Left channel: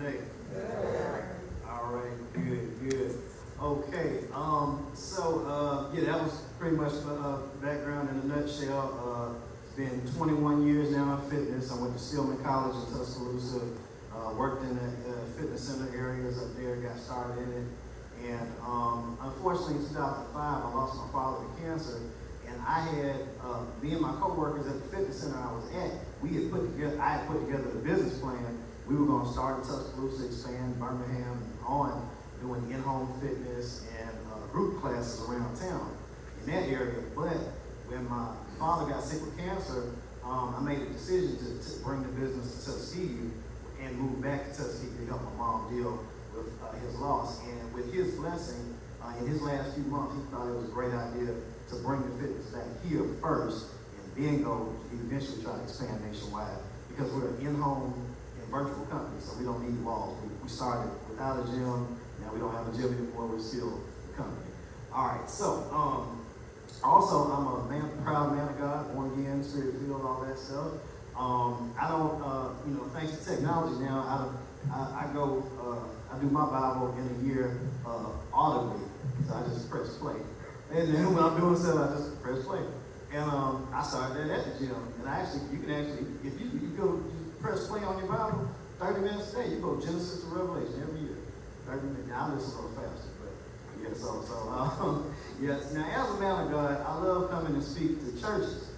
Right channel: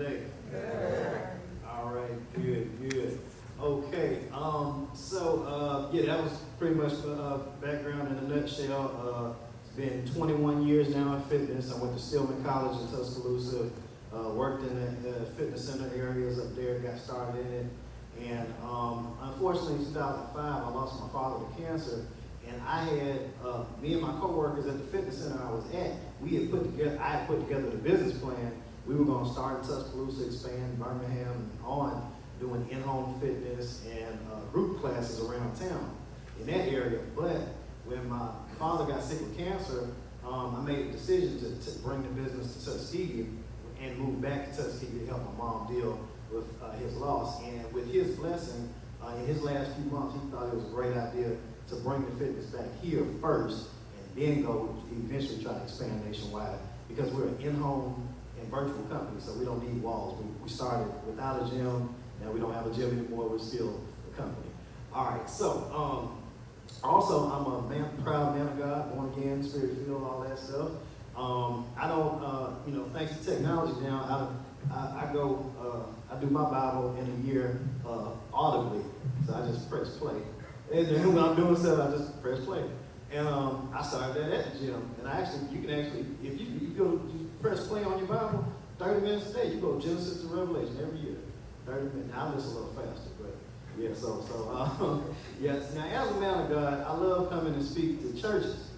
today? All right, good. Okay, yeah, that was pretty much background in a nutshell. It's been 21 years now in fitness. I went to Stillman College in Tuscaloosa, worked in the fitness center areas up there, got started in it. And unfortunately, in 2005, I lost my father to cancer. And I had, me and my coworkers at the fitness center I was at, I had put together the business plan. We were going to start in Tuscaloosa, expand Birmingham, and on, doing in-home fitness and group classes around town in that area. But when my father got sick with cancer, I made a decision to bring the business to Tuskegee and move back to Tuskegee to help my mom deal with his loss. And with his blessing, in his last few months, he thought it was a great idea to bring the fitness back here first and then go eventually try to expand nationwide, because we're an in-home and virtual company, so we don't need walls. We started without a gym. Now we don't have a gym anymore. We're still a company. All right, so also I'm a proud man of God, born again, spirit filled, all that stuff. I don't, thanks to technology now, I do my Bible in a year audibly, so I just press play. And then when I'm doing stuff, I just press play. And I started that at the gym. And you can actually, if you go press play on your Bible, 30 minutes a day, you go Genesis to Revelation every year. 30 minutes. Now, I listen a little faster, but yeah, yes. Now, as a man of God, I love coming and speak to churches.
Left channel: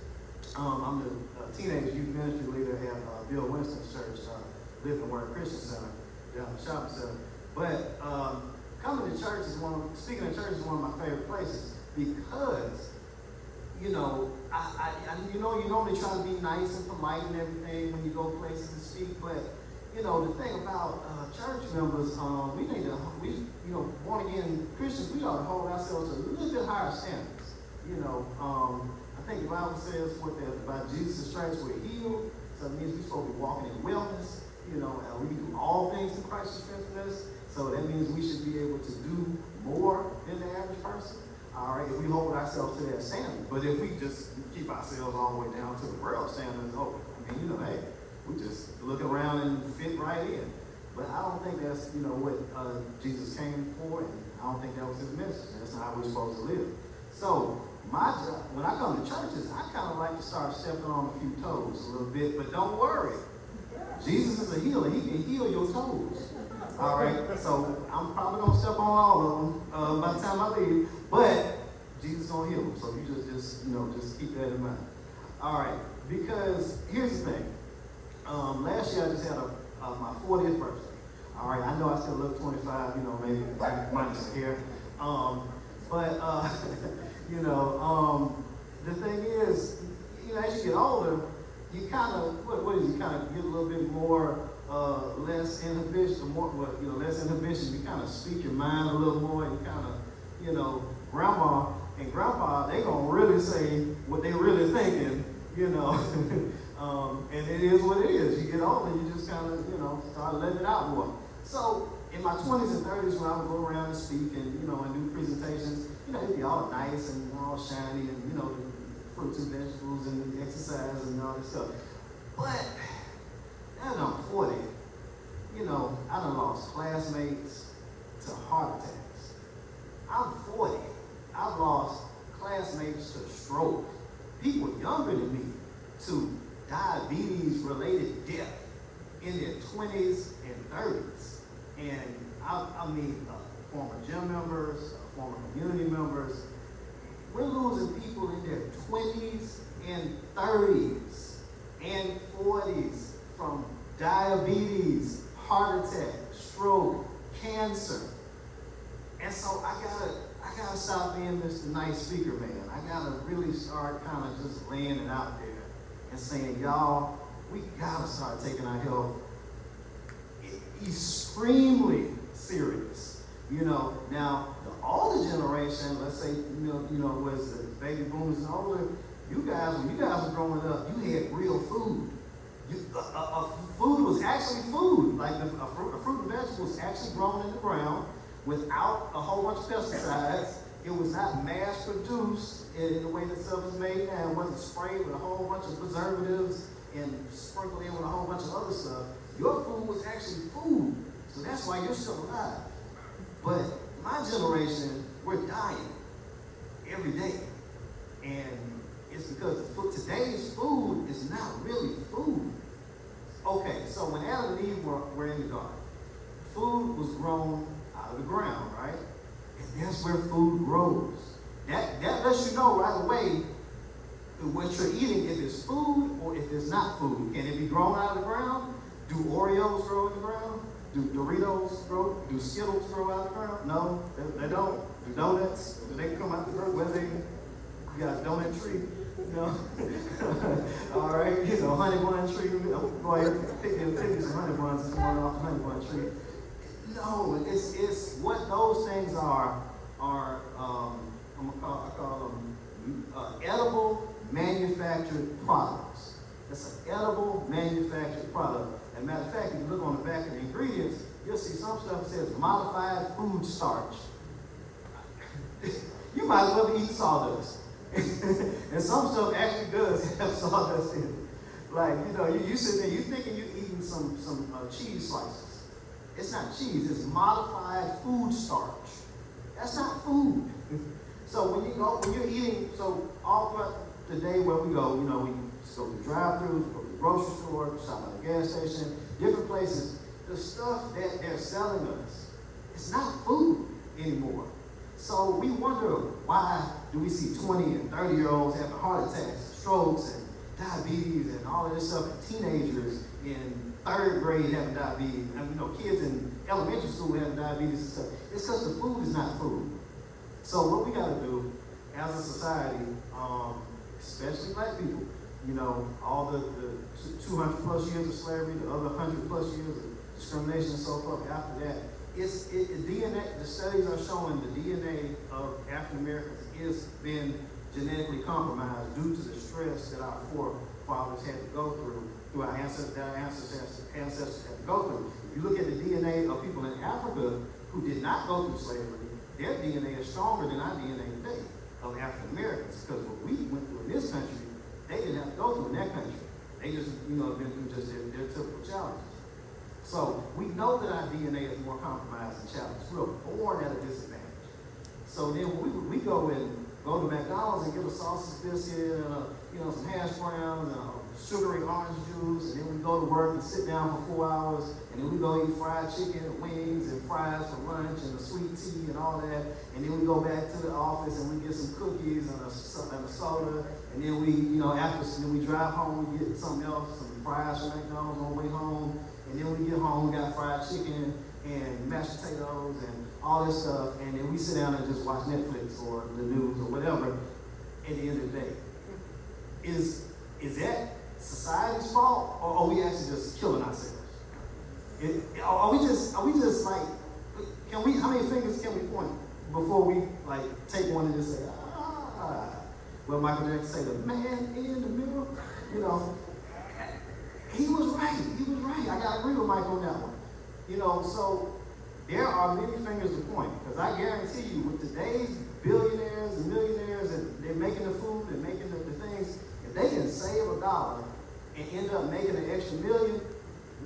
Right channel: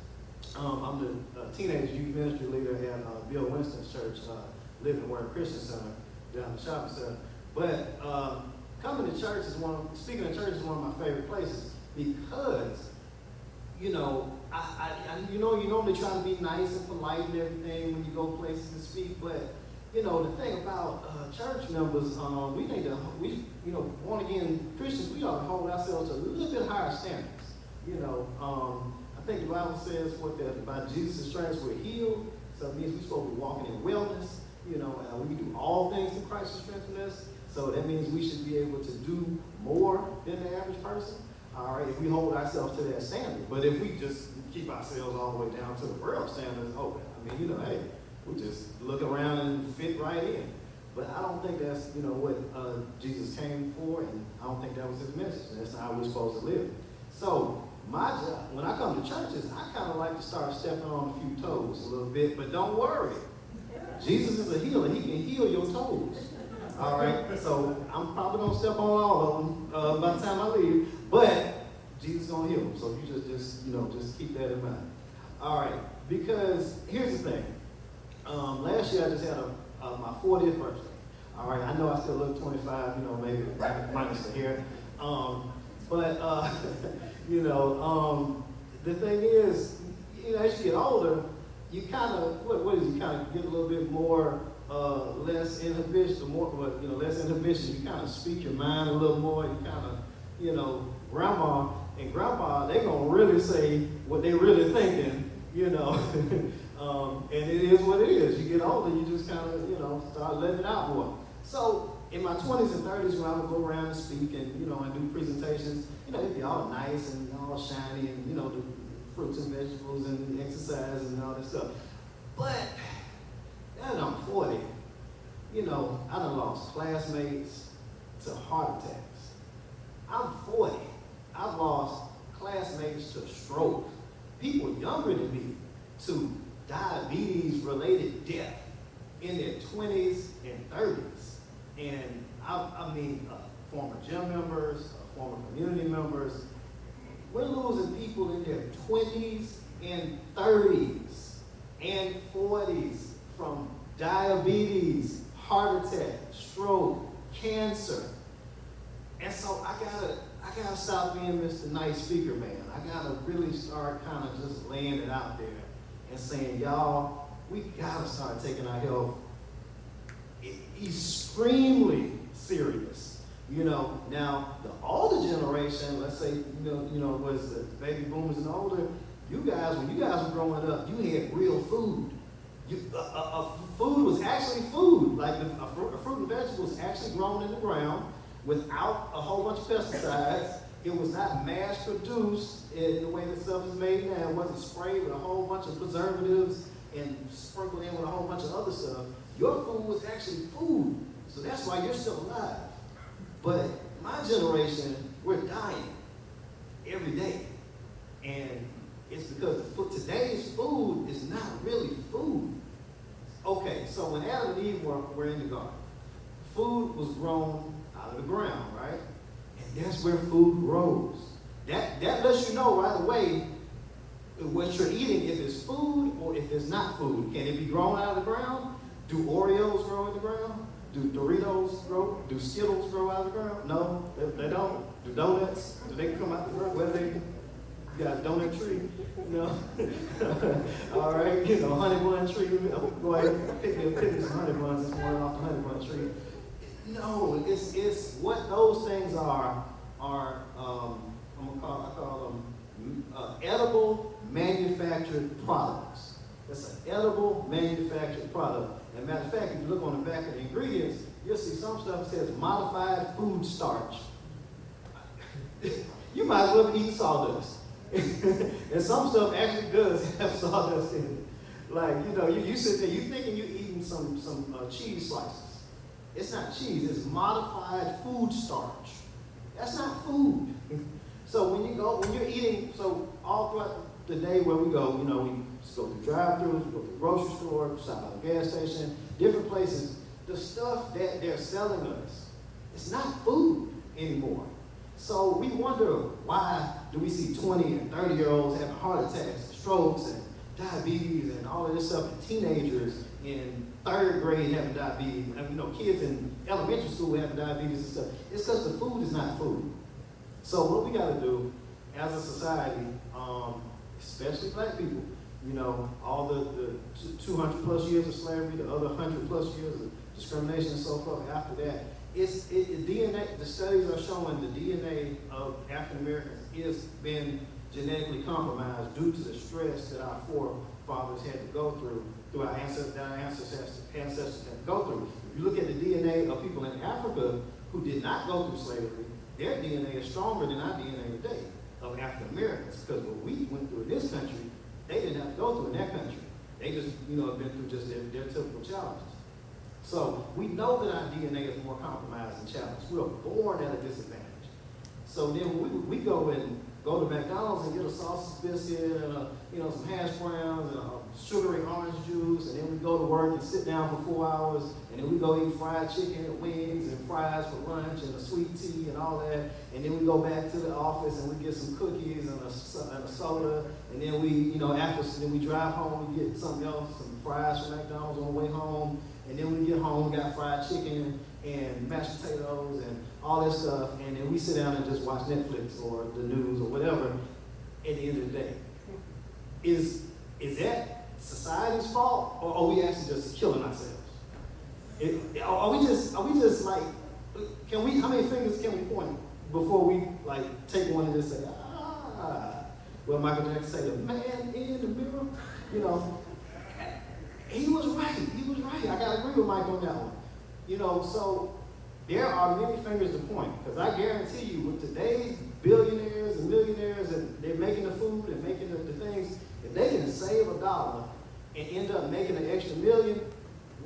I'm the teenage youth ministry leader at Bill Winston's church, Living Word Christian Center, down in the shopping center. But coming to church speaking of church is one of my favorite places, because, you normally try to be nice and polite and everything when you go places to speak, but, the thing about church members, born again Christians, we ought to hold ourselves to a little bit higher standards. I think the Bible says by Jesus' stripes we're healed, so it means we're supposed to be walking in wellness. We can do all things through Christ who strengthens us, so that means we should be able to do more than the average person. All right, if we hold ourselves to that standard. But if we just keep ourselves all the way down to the world standards, hey, we just look around and fit right in. But I don't think that's, what Jesus came for, and I don't think that was his message. That's not how we're supposed to live. So my job, when I come to churches, I kind of like to start stepping on a few toes a little bit, but don't worry. Jesus is a healer. He can heal your toes. All right, so I'm probably going to step on all of them by the time I leave, but Jesus is going to heal them. So you just keep that in mind. All right, because here's the thing. Last year I just had my 40th birthday. All right, I know I still look 25, maybe minus some hair. The thing is, as you get older, you kind of, you kind of get a little bit more, less inhibition, less inhibition. You kind of speak your mind a little more. You kind of, grandma and grandpa, they're going to really say what they really thinking, and it is what it is. You get older, you just kind of, start letting it out more. So in my 20s and 30s, when I would go around and speak and, and do presentations, it'd be all nice and all shiny and, the fruits and vegetables and exercise and all that stuff. But now that I'm 40, I done lost classmates to heart attacks. I'm 40. I've lost classmates to stroke. People younger than me to diabetes-related death in their 20s and 30s. And I mean, former gym members, former community members. We're losing people in their 20s and 30s and 40s from diabetes, heart attack, stroke, cancer. And so I gotta stop being Mr. Nice Speaker Man. I gotta really start kind of just laying it out there and saying, y'all, we gotta start taking our health extremely serious. Now the older generation, let's say, was the baby boomers and older, when you guys were growing up, you had real food. Food was actually food. Like fruit and vegetables actually grown in the ground without a whole bunch of pesticides. It was not mass produced in the way that stuff is made now. It wasn't sprayed with a whole bunch of preservatives and sprinkled in with a whole bunch of other stuff. Your food was actually food. So that's why you're still alive. But my generation, we're dying every day. And it's because today's food is not really food. Okay, so when Adam and Eve were in the garden, food was grown out of the ground, right? And that's where food grows. That lets you know right away what you're eating, if it's food or if it's not food. Can it be grown out of the ground? Do Oreos grow in the ground? Do Doritos grow? Do Skittles grow out of the ground? No, they don't. Do donuts? Do they come out of the ground? Whether they, you got a donut tree? No. All right, honey bun tree. Go ahead, pick some honey buns this morning off the honey bun tree. No, it's what those things are. I call them edible manufactured products. It's an edible manufactured product. As a matter of fact, if you look on the back of the ingredients, you'll see some stuff that says modified food starch. You might as well be eating sawdust. And some stuff actually does have sawdust in it. Like, you sit there, you thinking you're eating some cheese slices. It's not cheese, it's modified food starch. That's not food. So when you're eating, so all throughout the day where we go, we just go to drive-thrus, go to the grocery store, stop at the gas station, different places, the stuff that they're selling us, it's not food anymore. So we wonder, why do we see 20 and 30-year-olds having heart attacks, strokes, and diabetes, and all of this stuff, and teenagers in third grade having diabetes, and kids in elementary school having diabetes and stuff. It's because the food is not food. So what we got to do as a society, especially black people, all the 200 plus years of slavery, the other 100 plus years of discrimination and so forth after that, DNA, the studies are showing the DNA of African Americans has been genetically compromised due to the stress that our forefathers had to go through our ancestors had to go through. If you look at the DNA of people in Africa who did not go through slavery, their DNA is stronger than our DNA today of African Americans, because what we went through in this country, they didn't have to go through in that country. They just, have been through just their typical challenges. So we know that our DNA is more compromised and challenged. We were born at a disadvantage. So then we go to McDonald's and get a sausage biscuit and some hash browns and a sugary orange juice, and then we go to work and sit down for 4 hours, and then we go eat fried chicken and wings and fries for lunch and a sweet tea and all that, and then we go back to the office and we get some cookies and a soda, and then we drive home, we get something else, some fries from McDonald's on the way home, and then when we get home, we got fried chicken and mashed potatoes and all that stuff, and then we sit down and just watch Netflix or the news or whatever at the end of the day. Is that society's fault, or are we actually just killing ourselves? Are we just like, how many fingers can we point before we take one and just say, well, Michael Jackson say, the man in the mirror, he was right. I gotta agree with Mike on that one. So there are many fingers to point, because I guarantee you, with today's billionaires and millionaires, and they're making the food and making the things, if they can save $1 and end up making an extra $1 million,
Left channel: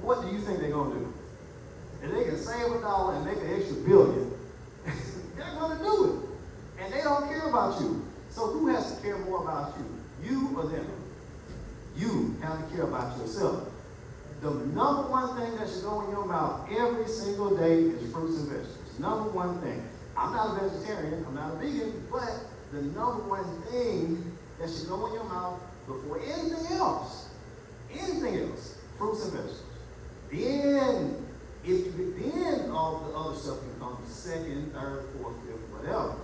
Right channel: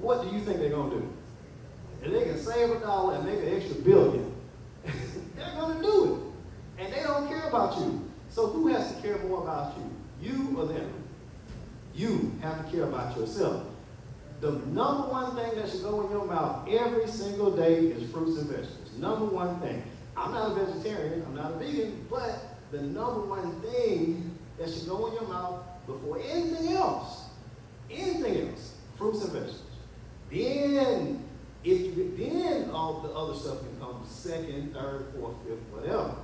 what do you think they're gonna do? If they can save $1 and make an extra $1 billion, they're gonna do it. And they don't care about you. So who has to care more about you? You or them? You have to care about yourself. The number one thing that should go in your mouth every single day is fruits and vegetables. Number one thing. I'm not a vegetarian, I'm not a vegan, but the number one thing that should go in your mouth before anything else, fruits and vegetables. Then all the other stuff can come second, third, fourth, fifth, whatever.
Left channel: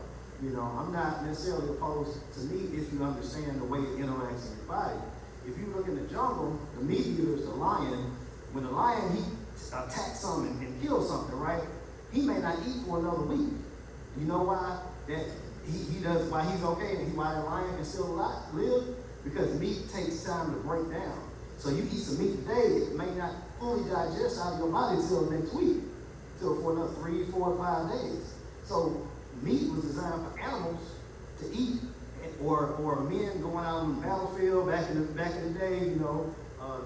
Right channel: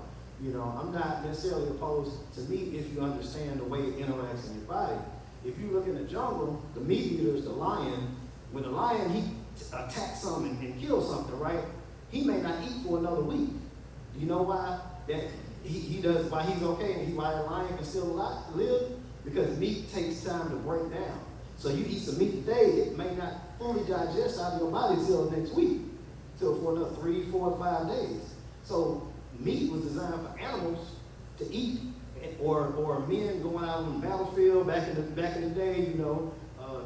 I'm not necessarily opposed to meat if you understand the way it interacts in your body. If you look in the jungle, the meat eaters, the lion, when the lion, he attacks something and kills something, right? He may not eat for another week. You know why? That he does, why he's okay and why the lion can still live? Because meat takes time to break down. So you eat some meat today, it may not fully digest out of your body until next week, till for another 3, 4, 5 days. So meat was designed for animals to eat, or men going out on the battlefield back in the day,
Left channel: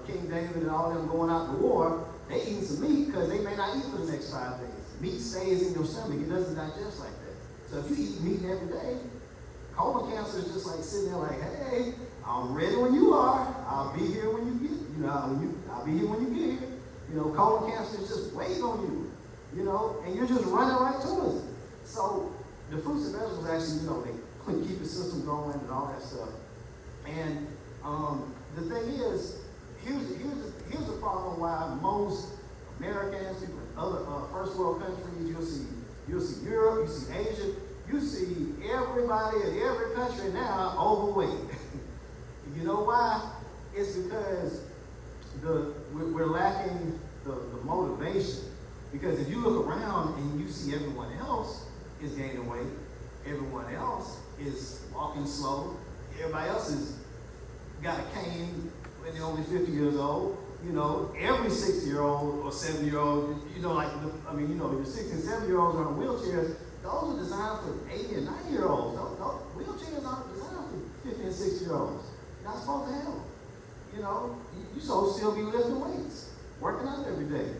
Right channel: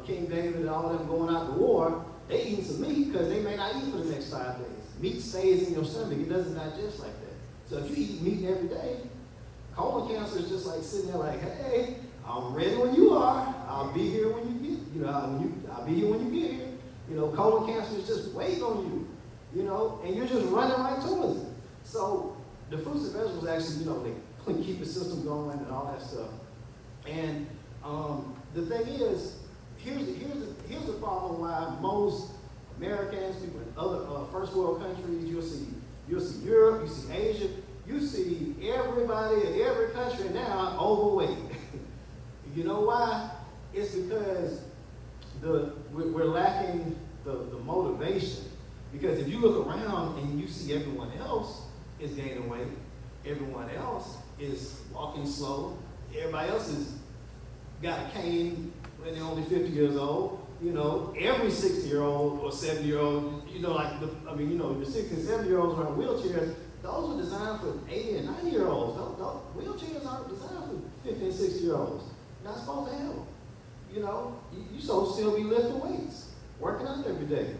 King David and all them going out to war, they eating some meat because they may not eat for the next next 5 days. Meat stays in your stomach. It doesn't digest like that. So if you eat meat every day, colon cancer is just like sitting there like, hey, I'm ready when you are. I'll be here when you get, I'll be here when you get here. Colon cancer is just waiting on you, and you're just running right towards it. So the fruits and vegetables actually, they keep the system going and all that stuff. And the thing is, here's the problem why most Americans, people in other first world countries, you'll see Europe, you see Asia, you see everybody in every country now overweight. You know why? It's because we're lacking the motivation. Because if you look around and you see everyone else is gaining weight, everyone else is walking slow, everybody else has got a cane when they're only 50 years old. Every 60-year-old or 70-year-old, your 60 and 70-year-olds are on wheelchairs. Those are designed for 80 and 90-year-olds. Those wheelchairs aren't designed for 50 and 60-year-olds. You're not supposed to have them. You're supposed to still be lifting weights, working out every day.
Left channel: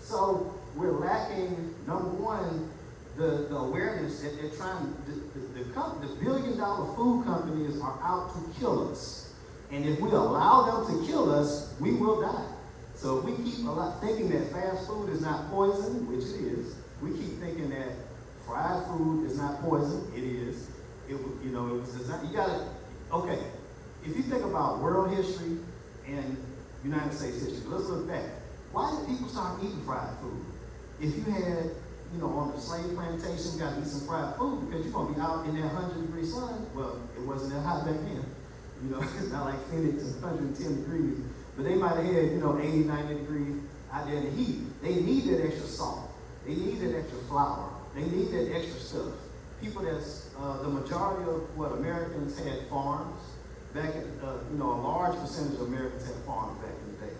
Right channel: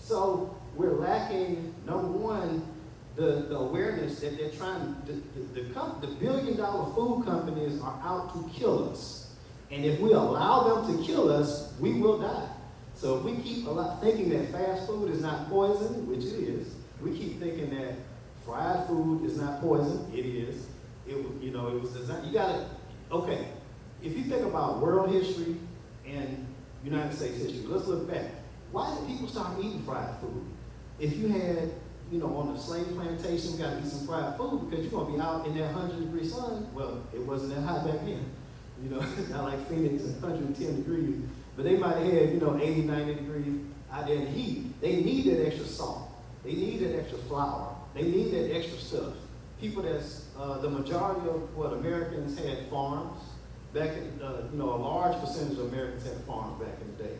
So we're lacking, number one, the awareness that they're trying, the billion-dollar food companies are out to kill us. And if we allow them to kill us, we will die. So if we keep thinking that fast food is not poison, which it is, we keep thinking that fried food is not poison, it is. It was designed, okay, if you think about world history and United States history, let's look back. Why did people start eating fried food? If you had, on the slave plantation, you got to eat some fried food because you're going to be out in that 100-degree sun. Well, it wasn't that hot back then. It's not like Phoenix is 110 degrees, but they might have had, 80, 90 degrees out there in the heat. They need that extra salt. They need that extra flour. They need that extra stuff. People the majority of what Americans had farms. Back in, a large percentage of Americans had farms back in the day.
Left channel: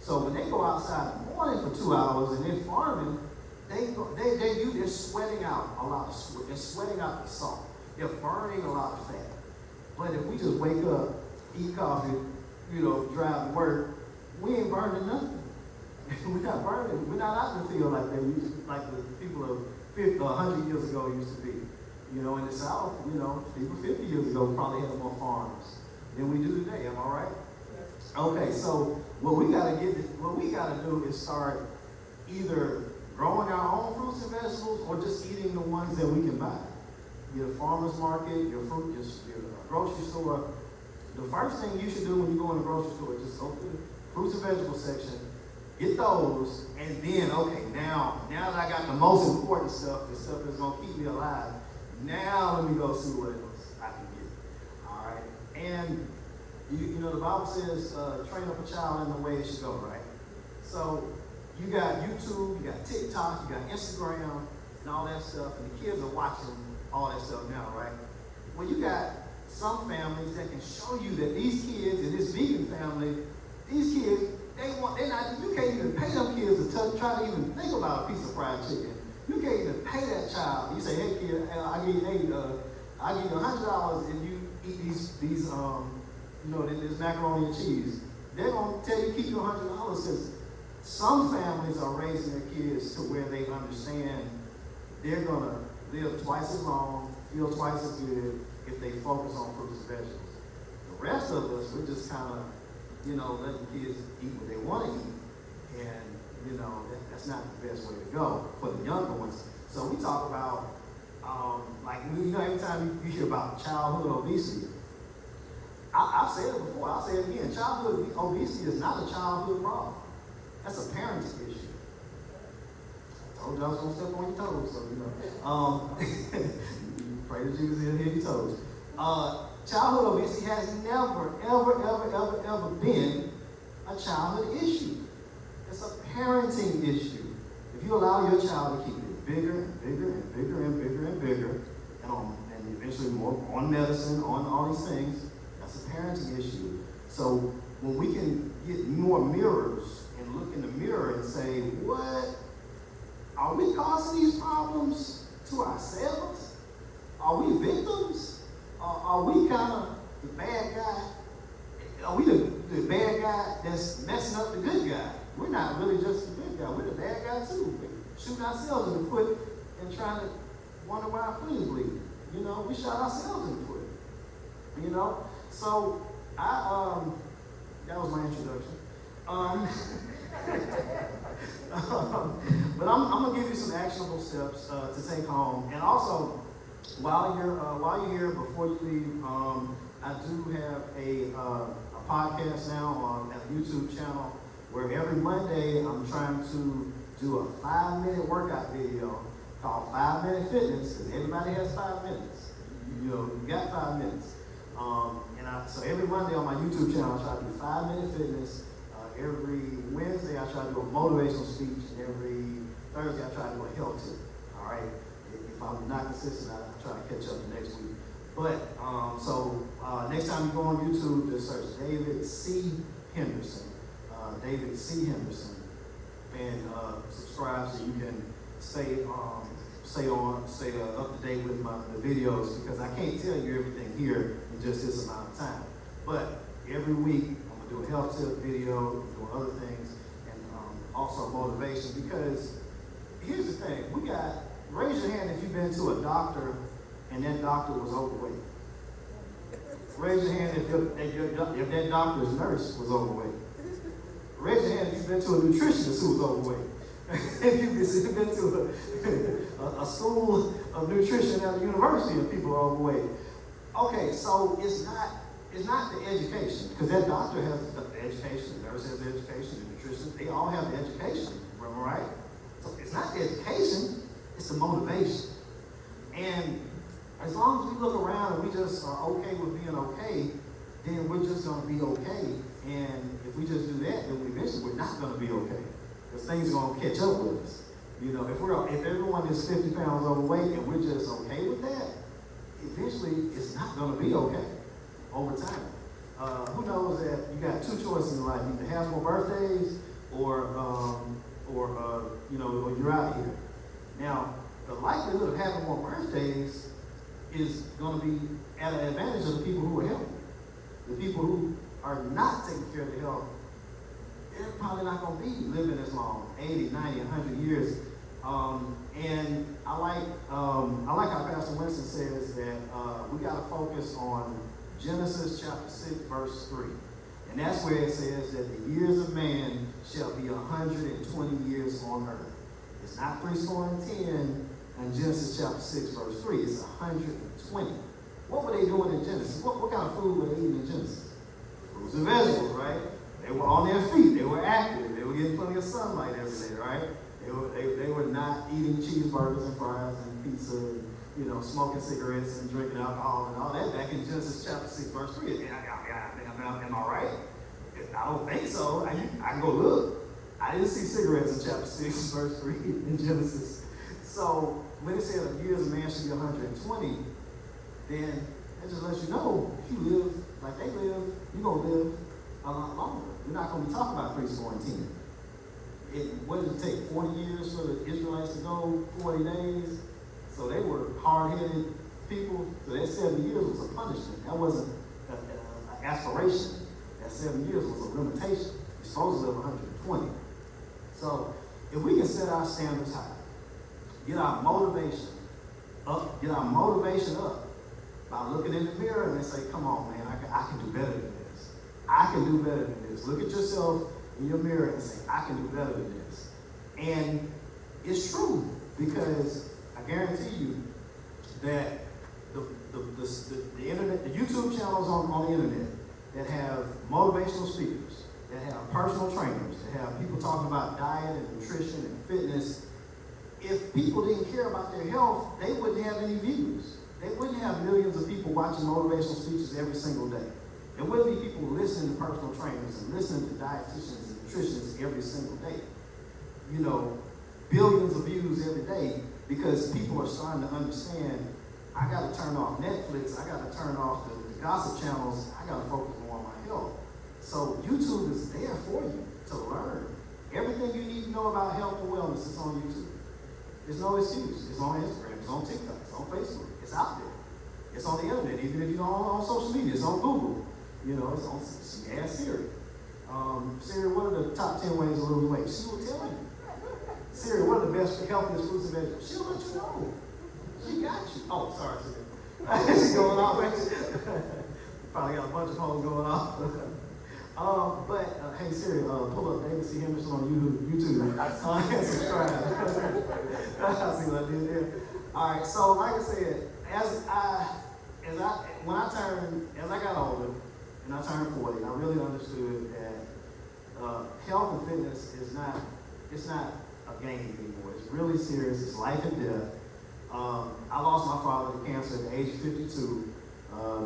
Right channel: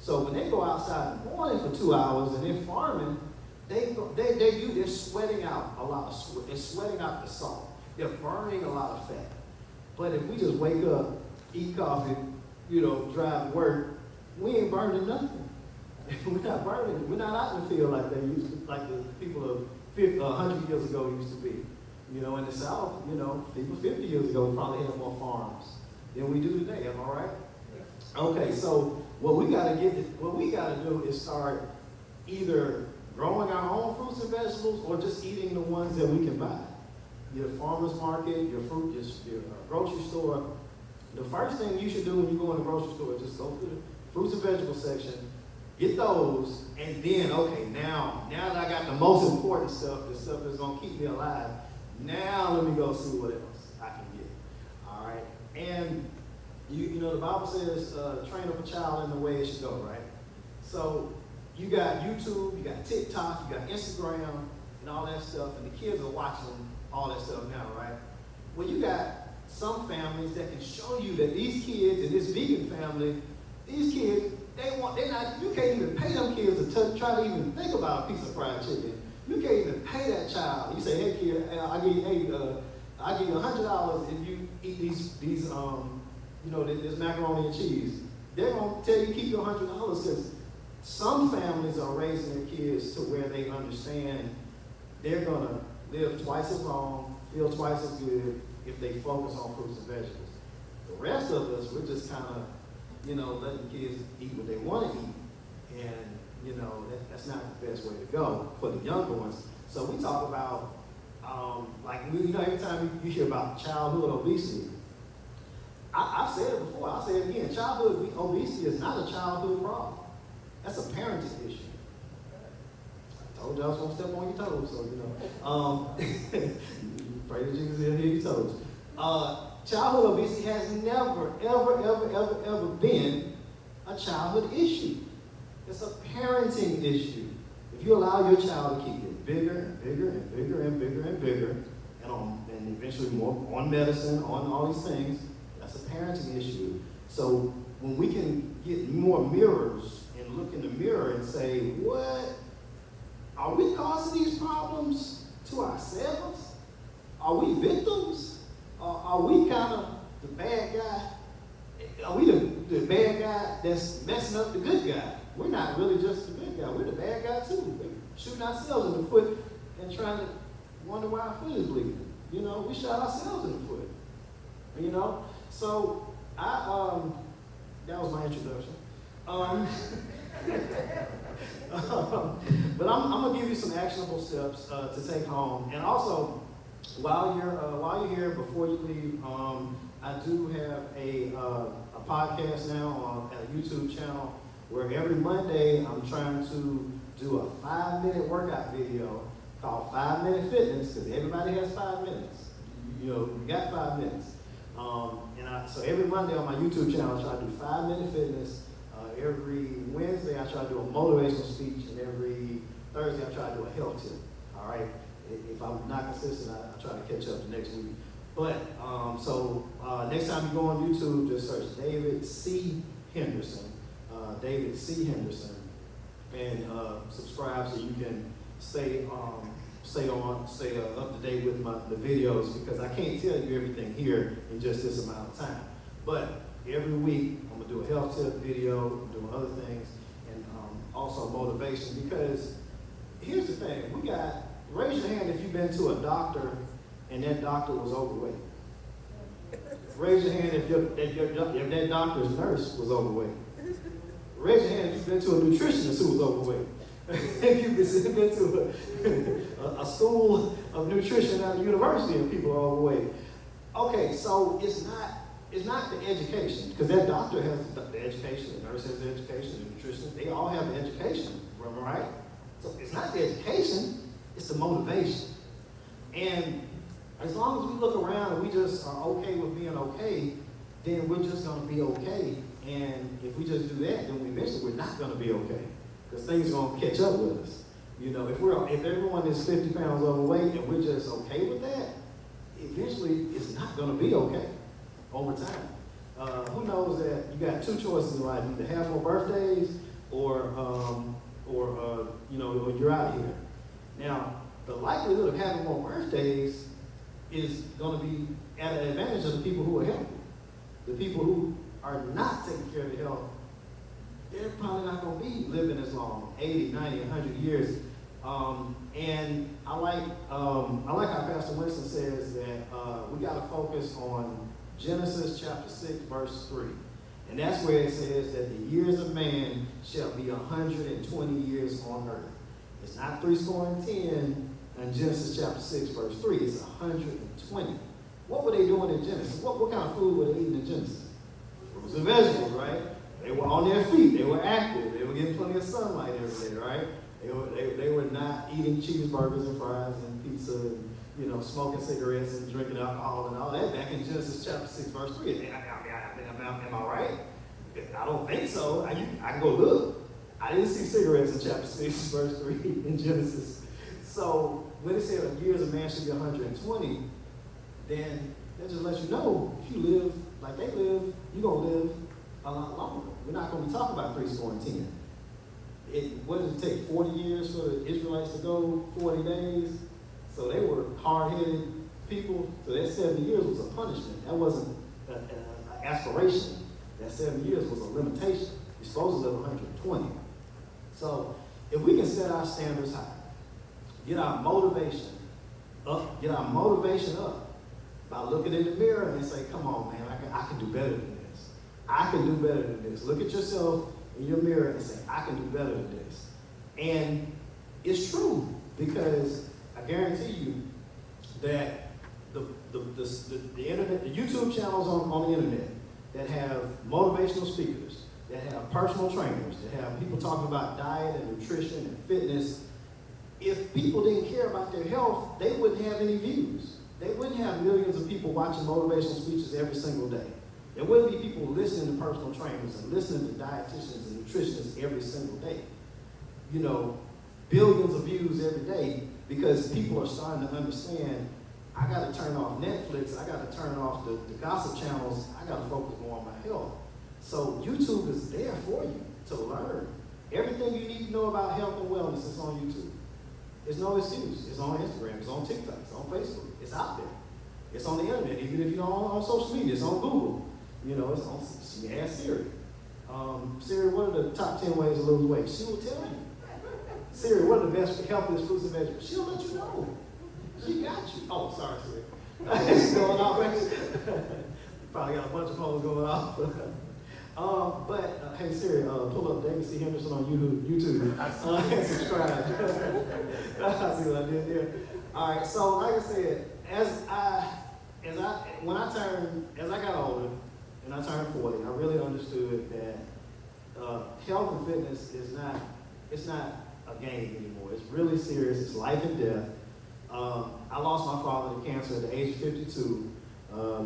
So when they go outside in the morning for 2 hours and they're farming, they're sweating out a lot of sweat. They're sweating out the salt. They're burning a lot of fat. But if we just wake up, eat coffee, drive to work, we ain't burning nothing. We're not burning. We're not out in the field like they used to, like the people of 100 years ago used to be. In the South, people 50 years ago probably had more farms than we do today. Am I right? Okay, so what we got to do is start either growing our own fruits and vegetables or just eating the ones that we can buy. Your farmer's market, your grocery store. The first thing you should do when you go in the grocery store is just go to the fruits and vegetables section, get those, and then, okay, now that I got the most important stuff, the stuff that's going to keep me alive, now let me go see what else I can get. All right? And, the Bible says, train up a child in the way it should go, right? So you got YouTube, you got TikTok, you got Instagram, and all that stuff, and the kids are watching all that stuff now, right? Well, you got some families that can show you that these kids in this vegan family, these kids, you can't even pay them kids to try to even think about a piece of fried chicken. You can't even pay that child. You say, hey kid, I'll give you $100 if you eat these this macaroni and cheese. They're gonna tell you keep your $100 because some families are raising their kids to where they understand they're gonna live twice as long, feel twice as good if they focus on fruits and vegetables. The rest of us, we're just kind of, letting kids eat what they want to eat. And, that's not the best way to go for the younger ones. So we talk about, every time you hear about childhood obesity, I've said it before, I'll say it again, childhood obesity is not a childhood problem. That's a parenting issue. I told you I was going to step on your toes, so, pray that you was in here, your toes. Childhood obesity has never, ever been a childhood issue. It's a parenting issue. If you allow your child to keep it bigger and bigger and bigger and bigger and bigger, and eventually more on medicine, on all these things, that's a parenting issue. So when we can get more mirrors and look in the mirror and say, what? Are we causing these problems to ourselves? Are we victims? Are we kind of the bad guy? Are we the bad guy that's messing up the good guy? We're not really just the good guy. We're the bad guy too. shooting ourselves in the foot and trying to wonder why our foot is bleeding. You know, we shot ourselves in the foot. You know, so that was my introduction. But I'm gonna give you some actionable steps to take home, and also while you're here, before you leave, I do have a podcast now at a YouTube channel where every Monday I'm trying to do a 5-minute workout video called 5 Minute Fitness, because everybody has 5 minutes. You got 5 minutes. So every Monday on my YouTube channel, I try to do 5 Minute Fitness. Every Wednesday, I try to do a motivational speech, and every Thursday, I try to do a health tip. All right. If I'm not consistent, I try to catch up the next week. But next time you go on YouTube, just search David C. Henderson. David C. Henderson, and subscribe so you can stay up to date with the videos, because I can't tell you everything here in just this amount of time. But every week I'm gonna do a health tip video, doing other things, and also motivation. Because here's the thing: raise your hand if you've been to a doctor and that doctor was overweight. Raise your hand if that doctor's nurse was overweight. Raise your hand if you've been to a nutritionist who was overweight. If you've been to a school of nutrition at a university and people are overweight. Okay, so it's not the education, because that doctor has the education, the nurse has the education, the nutritionist, they all have the education, right? So it's not the education, it's the motivation. And as long as we look around and we just are okay with being okay, then we're just going to be okay. And if we just do that, then eventually we're not going to be okay, because things are going to catch up with us. You know, if everyone is 50 pounds overweight and we're just okay with that, eventually it's not going to be okay over time. Who knows that you got two choices in life: either have more birthdays or you're out of here. Now, the likelihood of having more birthdays is going to be at an advantage of the people who are healthy. The people who are not taking care of the health, they're probably not going to be living as long, 80, 90, 100 years. And I like how Pastor Winston says that we got to focus on Genesis chapter 6, verse 3. And that's where it says that the years of man shall be 120 years on earth. It's not 310 in Genesis chapter 6, verse 3. It's 120. What were they doing in Genesis? What kind of food were they eating in Genesis? Fruits and vegetables, right? They were on their feet. They were active. They were getting plenty of sunlight every day, right? They were not eating cheeseburgers and fries and pizza and, smoking cigarettes and drinking alcohol and all that back in Genesis chapter 6, verse 3. Am I right? I don't think so. I can go look. I didn't see cigarettes in chapter 6, verse 3 in Genesis. So when it said the years of man should be 120, then that just lets you know, if you live like they live, you're going to live a lot longer. We're not going to be talking about 3 score and 10. What does it take, 40 years for the Israelites to go 40 days? So they were hard-headed people. So that 7 years was a punishment. That wasn't an aspiration. That 7 years was a limitation. You're supposed to live 120. So if we can set our standards high, get our motivation up by looking in the mirror and say, come on, man, I can do better than this. I can do better than this. Look at yourself in your mirror and say, I can do better than this. And it's true, because I guarantee you that the internet, the YouTube channels on the internet that have motivational speakers, that have personal trainers, that have people talking about diet and nutrition and fitness, if people didn't care about their health, they wouldn't have any views. They wouldn't have millions of people watching motivational speeches every single day. There wouldn't be people listening to personal trainers and listening to dietitians and nutritionists every single day. Billions of views every day, because people are starting to understand, I got to turn off Netflix, I got to turn off the gossip channels, I got to focus more on my health. So YouTube is there for you to learn. Everything you need to know about health and wellness is on YouTube. There's no excuse. It's on Instagram, it's on TikTok, it's on Facebook, it's out there. It's on the internet, even if you're on social media, it's on Google. It's on, ask Siri. Siri, what are the top 10 ways to lose weight? She will tell you. Siri, what are the best, healthiest fruits and vegetables? She'll let you know. She got you. Oh, sorry, Siri. She's going off. Probably got a bunch of phones going off. Hey Siri, pull up David C. Henderson on YouTube and subscribe. I see what I did there. All right, so like I said, as I got older and I turned 40, I really understood that health and fitness is not a game anymore. It's really serious. It's life and death. I lost my father to cancer at the age of 52.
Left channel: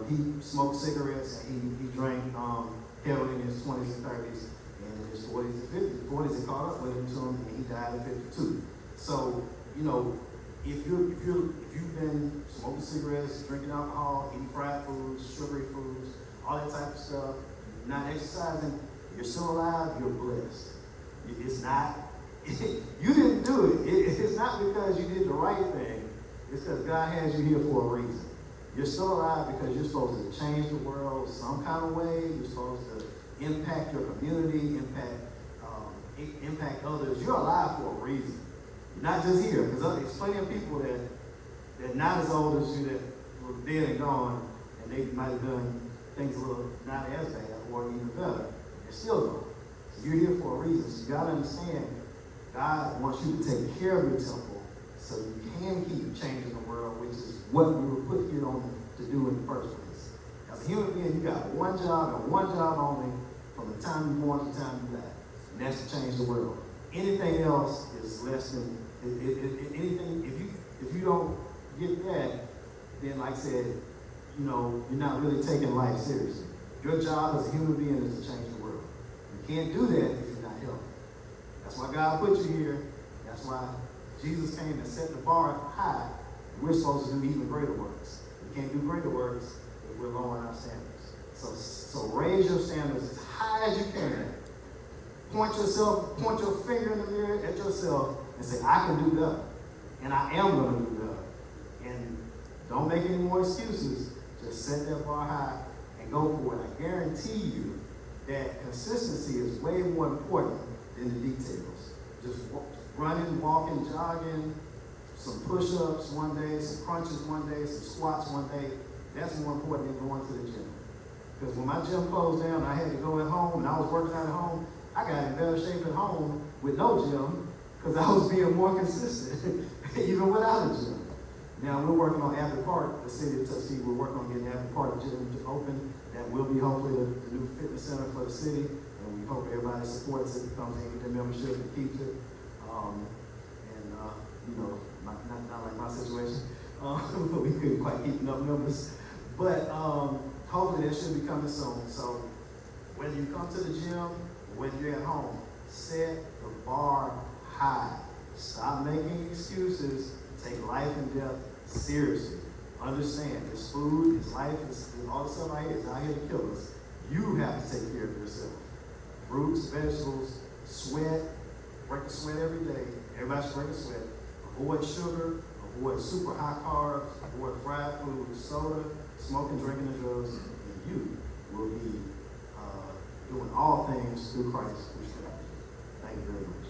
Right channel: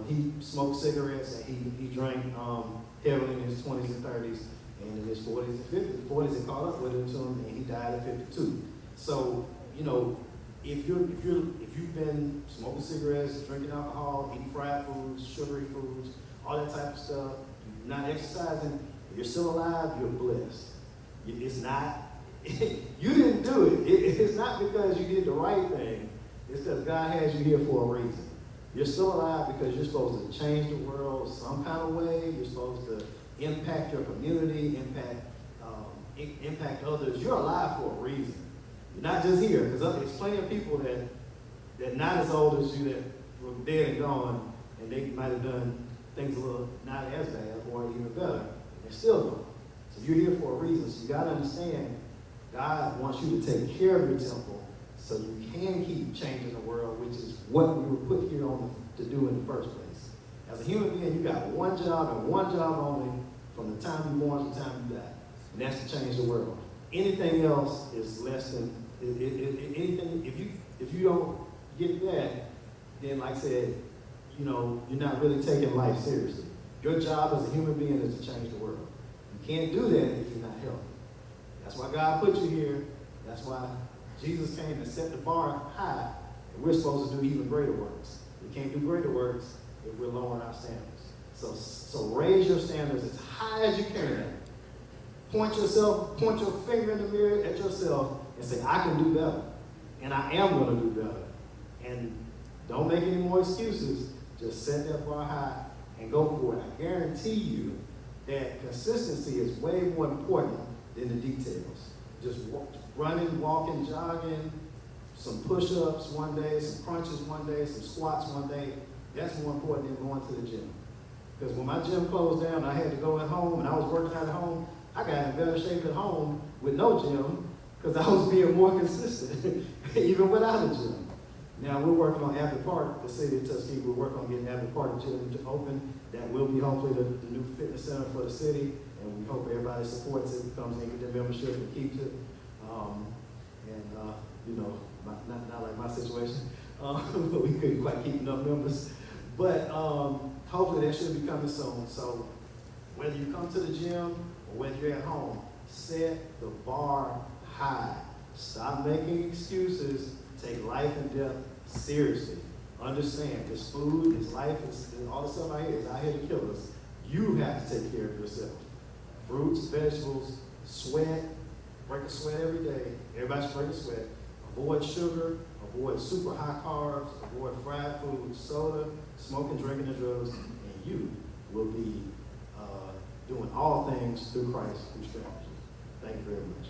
He smoked cigarettes. He drank heavily in his 20s and 30s, and in his 40s and 50s. The 40s had caught up with him to him, and he died at 52. So, if you've been smoking cigarettes, drinking alcohol, eating fried foods, sugary foods, all that type of stuff, not exercising, you're still alive, you're blessed. It's not, you didn't do it. It's not because you did the right thing. It's because God has you here for a reason. You're still alive because you're supposed to change the world some kind of way. You're supposed to impact your community, impact others. You're alive for a reason. You're not just here. There's plenty of people that not as old as you that were dead and gone, and they might have done things a little not as bad or even better, and still don't. So you're here for a reason. So you got to understand, God wants you to take care of your temple so you can keep changing the world, which is what we were put here on to do in the first place. As a human being, you got one job and one job only from the time you're born to the time you die, and that's to change the world. Anything else is less than anything. If you don't get that, then like I said, you're not really taking life seriously. Your job as a human being is to change the world. You can't do that if you're not healthy. That's why God put you here. That's why Jesus came and set the bar high. We're supposed to do even greater works. We can't do greater works if we're lowering our standards. So raise your standards as high as you can. Point your finger in the mirror at yourself and say, I can do better. And I am going to do better. And don't make any more excuses. Just set that bar high and go for it. I guarantee you that consistency is way more important than the details. Just running, walking, jogging, some push-ups one day, some crunches one day, some squats one day. That's more important than going to the gym. Because when my gym closed down and I had to go at home and I was working out at home, I got in better shape at home with no gym because I was being more consistent, even without a gym. Now we're working on Abbey Park, the city of Tuskegee. We're working on getting Abbey Park gym to open. That will be hopefully the new fitness center for the city, and we hope everybody supports it, comes in, get their membership, and keeps it. Not like my situation, but we couldn't quite keep enough members. But hopefully that should be coming soon. So whether you come to the gym or whether you're at home, set the bar high. Stop making excuses. Take life and death seriously. Understand, this food, this life, all the stuff out here is out here to kill us. You have to take care of yourself. Fruits, vegetables, sweat, break a sweat every day. Everybody should break a sweat. Avoid sugar, avoid super high carbs, avoid fried food, soda, smoking, drinking, and drugs, and you will be doing all things through Christ, which can help you. Thank you very much.